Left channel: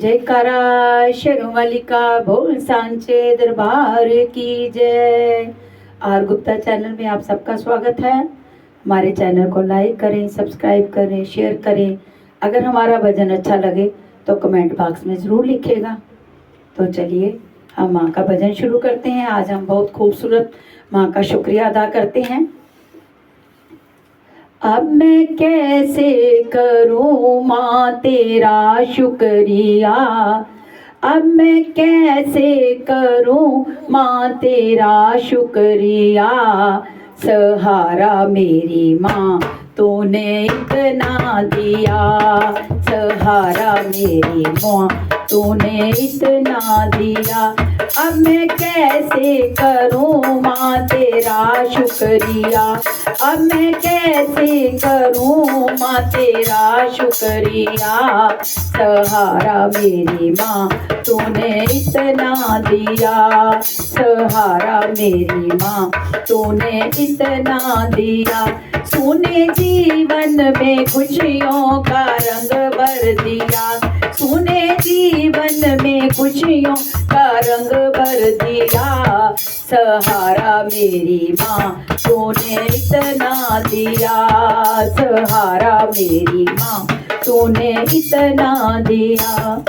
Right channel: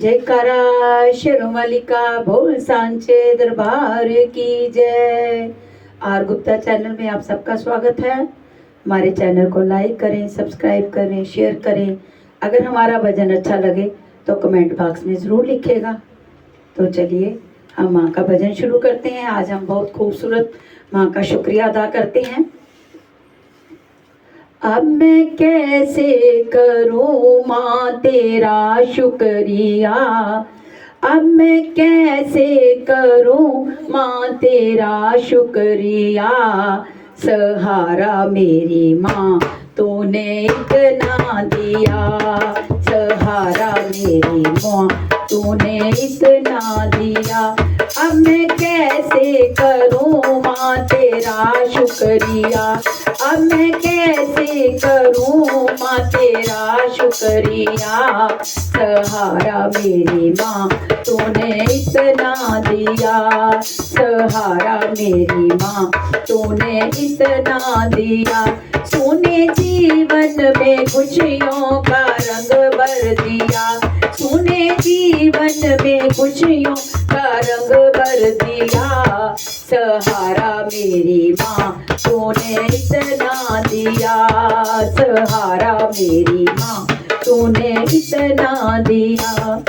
जयकारा शेरों वाली का बोल सांचे दरबार की जय। आर गुप्ता चैनल में आप सबका स्वागत है। हमारे चैनल को लाइक करें, सब्सक्राइब करें, शेयर करें। अगर हमारा भजन अच्छा लगे तो कमेंट बॉक्स में ज़रूर लिखिएगा। तो चलिए हम माँ का भजन शुरू करते हैं। आज हम बहुत खूबसूरत माँ का शुक्रिया अदा करते हैं। अब मैं कैसे करूँ माँ तेरा शुक्रिया, अब मैं कैसे करूँ माँ तेरा शुक्रिया। सहारा मेरी माँ तूने इतना दिया, सहारा मेरी माँ तूने इतना दिया। अब मैं कैसे करूँ माँ तेरा शुक्रिया, अब मैं कैसे करूँ माँ तेरा शुक्रिया। सहारा मेरी माँ तूने इतना दिया, सहारा मेरी माँ तूने इतना दिया। सुने जीवन में खुशियों का रंग भर दिया, सुने जीवन में खुशियों का रंग भर दिया। सहारा मेरी माँ तूने इतना दिया, सहारा मेरी माँ तूने इतना दिया।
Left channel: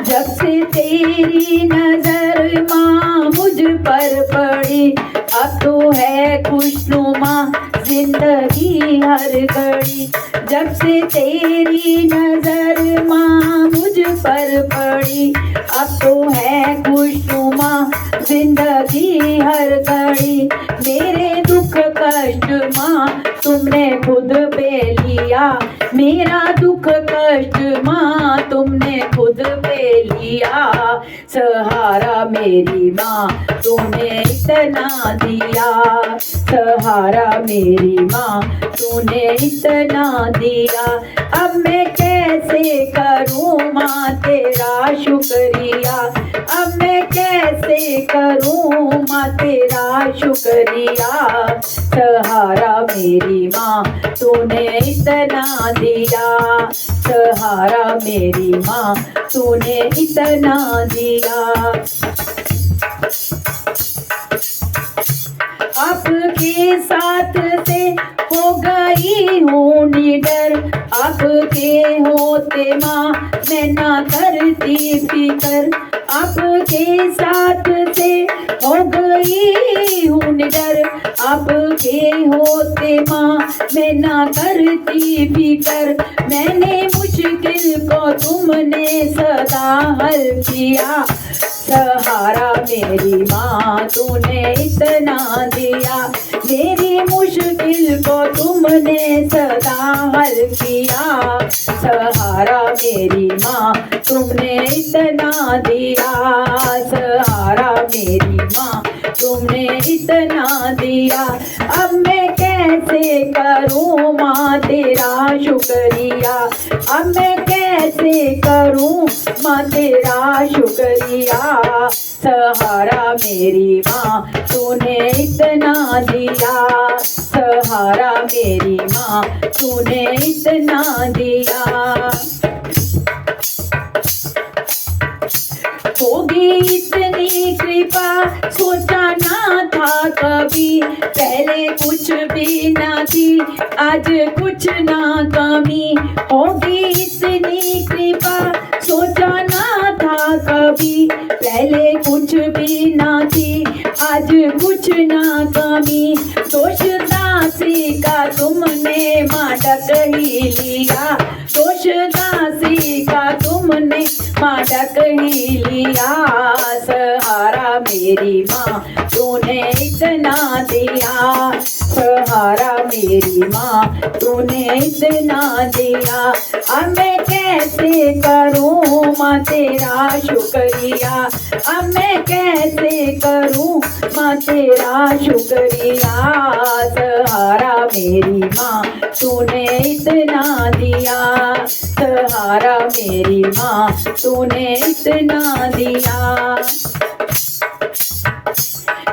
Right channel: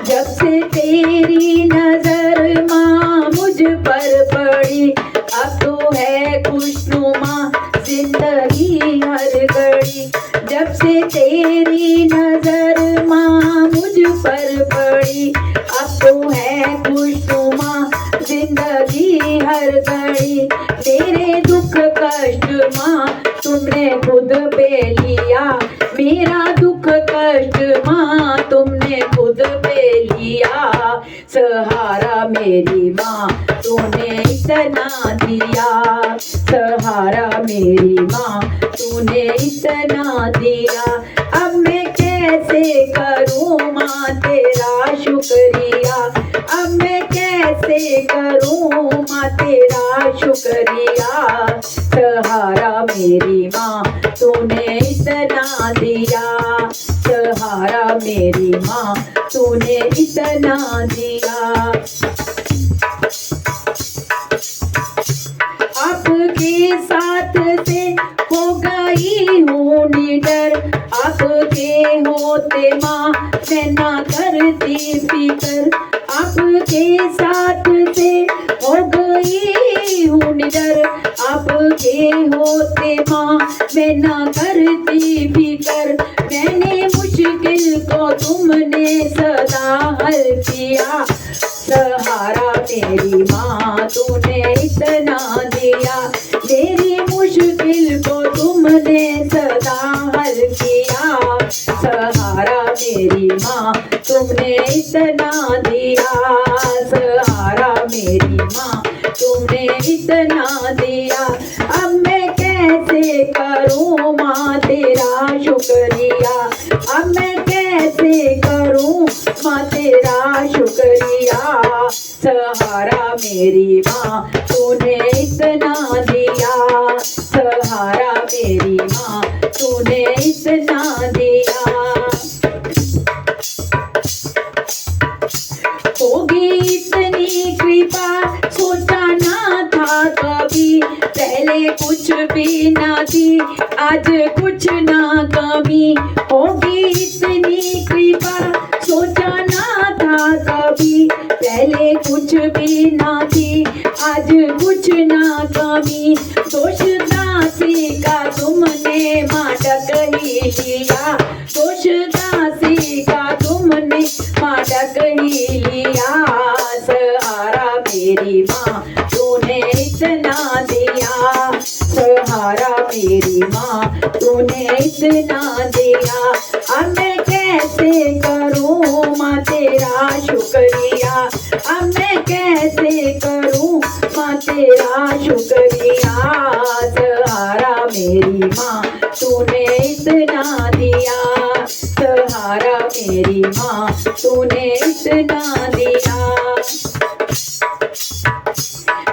जब से तेरी नजर माँ मुझ पर पड़ी, अब तो है खुशनुमा जिंदगी हर घड़ी। जब से तेरी नजर माँ मुझ पर पड़ी, अब तो है खुशनुमा जिंदगी हर घड़ी। मेरे दुख कष्ट माँ तुमने खुद पे लिया, मेरा दुख कष्ट माँ तुमने खुद पे लिया। सहारा मेरी माँ तूने इतना दिया, सहारा मेरी माँ तूने इतना दिया। अब मैं कैसे करूँ माँ तेरा शुक्रिया, अब मैं कैसे करूँ माँ तेरा शुक्रिया। सहारा मेरी माँ तूने इतना दिया, सहारा मेरी माँ तूने इतना दिया। आपके साथ से हो गई हूँ निडर, आपके होते माँ मैं ना करती फिकर। आपके साथ से हो गई हूँ निडर, आपके होते माँ मैं ना करती फिकर। मैंने मुश्किल को तुमने सदा हल किया, सहारा मेरी माँ तूने इतना दिया। मेरी मुश्किल को तुमने सदा हल किया, सहारा मेरी माँ तुमने इतना दिया, सहारा मेरी माँ तुमने इतना दिया। अब मैं कैसे करूँ माँ तेरा शुक्रिया, अब मैं कैसे करूँ माँ तेरा शुक्रिया। सहारा मेरी माँ तूने इतना दिया, सहारा मेरी माँ तूने इतना दिया। होगी इतनी कृपा सोचा ना था कभी, पहले कुछ भी ना थी आज कुछ ना कमी। होगी इतनी कृपा सोचा ना था कभी, पहले कुछ भी ना थी आज कुछ ना कमी। दोष दासी का तुमने माँ ढक ही लिया, दोष दासी का तुमने माँ ढक ही लिया। सहारा मेरी माँ तूने इतना दिया, सहारा मेरी माँ तूने इतना दिया। अब मैं कैसे करूँ माँ तेरा शुक्रिया, अब मैं कैसे करूँ माँ तेरा शुक्रिया। सहारा मेरी माँ तूने इतना दिया, सहारा मेरी माँ तूने इतना दिया।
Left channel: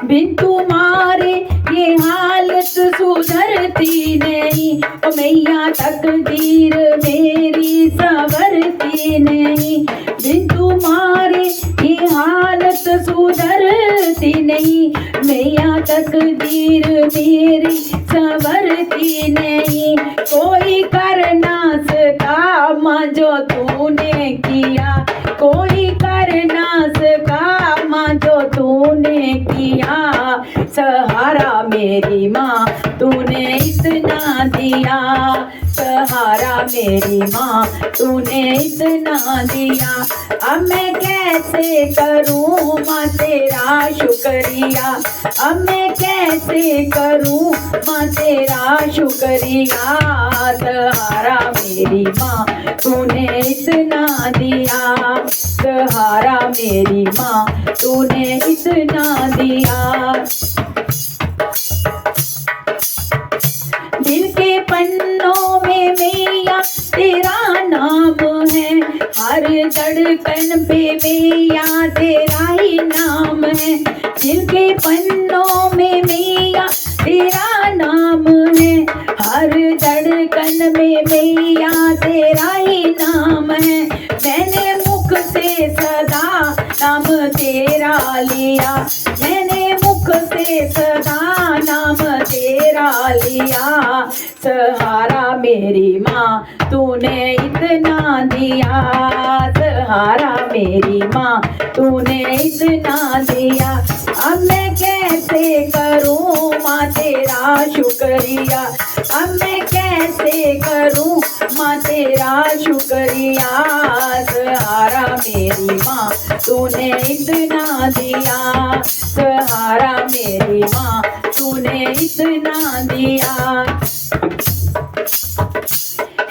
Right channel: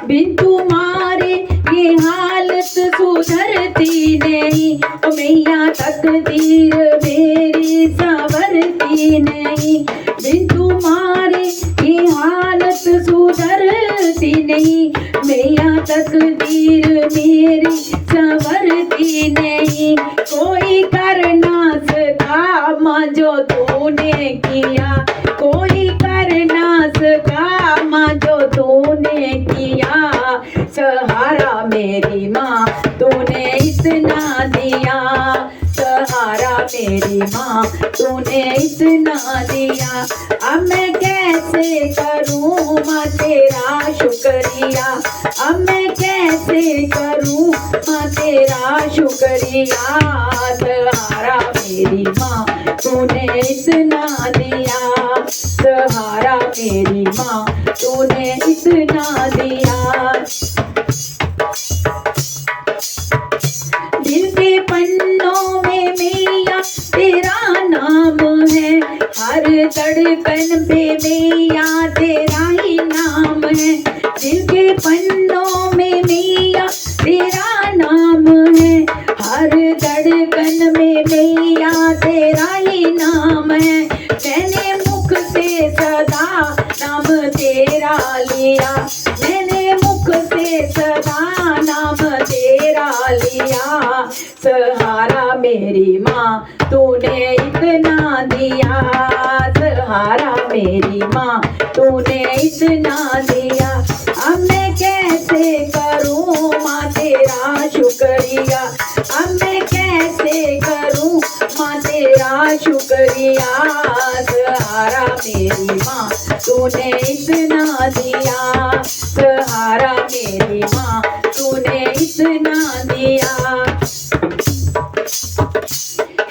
बिन तुम्हारे ये हालत सुधरती नहीं, ओ मैया तकदीर मेरी सवर सुधरती नहीं, बिन तुम्हारे ये हालत सुधरती नहीं। मैया तकदीर मेरी संवरती नहीं, कोई कर ना सका माँ जो तूने किया, कोई कर ना सका माँ जो तूने किया। सहारा मेरी माँ तूने इतना दिया, सहारा मेरी माँ तूने इतना दिया। अब मैं कैसे करूँ माँ तेरा शुक्रिया, अब मैं कैसे करूँ माँ तेरा शुक्रिया। सहारा मेरी माँ तूने इतना दिया, सहारा मेरी माँ तूने इतना दिया। दिल के पन्नों में मैया तेरा नाम है, हर धड़कन पे मैया तेरा ही नाम है। दिल के पन्नों में मैया तेरा नाम है, हर धड़कन में मैया तेरा ही नाम है। मैंने मुख से सदा नाम तेरा लिया, मैंने मुख से सदा नाम तेरा लिया। सहारा मेरी माँ तूने इतना दिया, सहारा मेरी माँ तूने इतना दिया। अब मैं कैसे करूँ माँ तेरा शुक्रिया, अब मैं कैसे करूँ माँ तेरा शुक्रिया। सहारा मेरी माँ तूने इतना दिया, सहारा मेरी माँ तूने इतना दिया।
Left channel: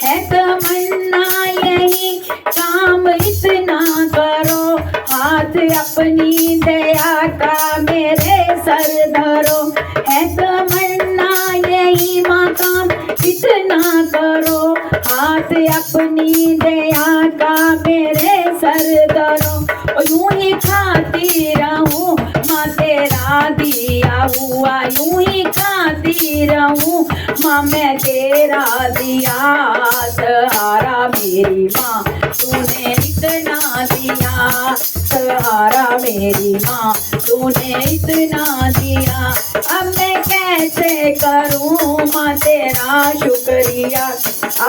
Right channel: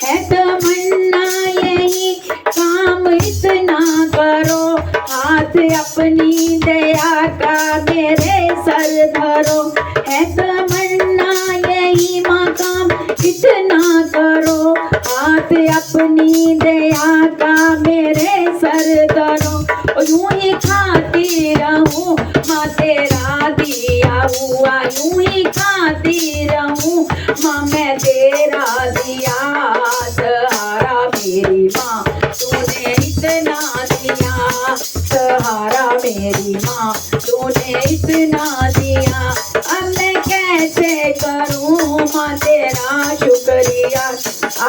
है तमन्ना यही काम इतना करो, हाथ अपनी दया का मेरे सर धरो। है तमन्ना यही माँ काम इतना करो, हाथ अपनी दया का मेरे सर धरो। यूं ही खाती रहूं माँ तेरा दिया हुआ, यूं ही खाती रहूं माँ मैं तेरा दिया। सहारा मेरी माँ तूने इतना दिया, सहारा मेरी माँ तूने इतना दिया। अब मैं कैसे करूँ माँ तेरा शुक्रिया,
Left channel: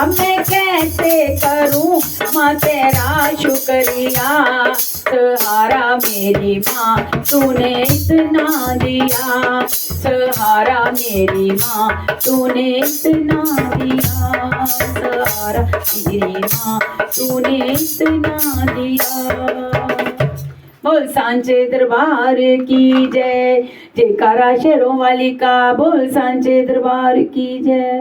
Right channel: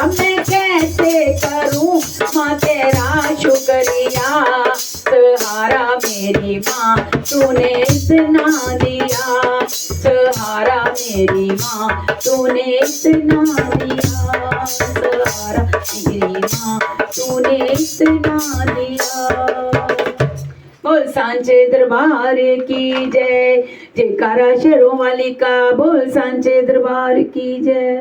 अब मैं कैसे करूँ माँ तेरा शुक्रिया। सहारा मेरी माँ तूने इतना दिया, सहारा मेरी माँ तूने इतना दिया, सहारा मेरी माँ तूने इतना दिया। बोल सांचे दरबार की जय, जयकारा शेरों वाली का, बोल सांचे दरबार की जय।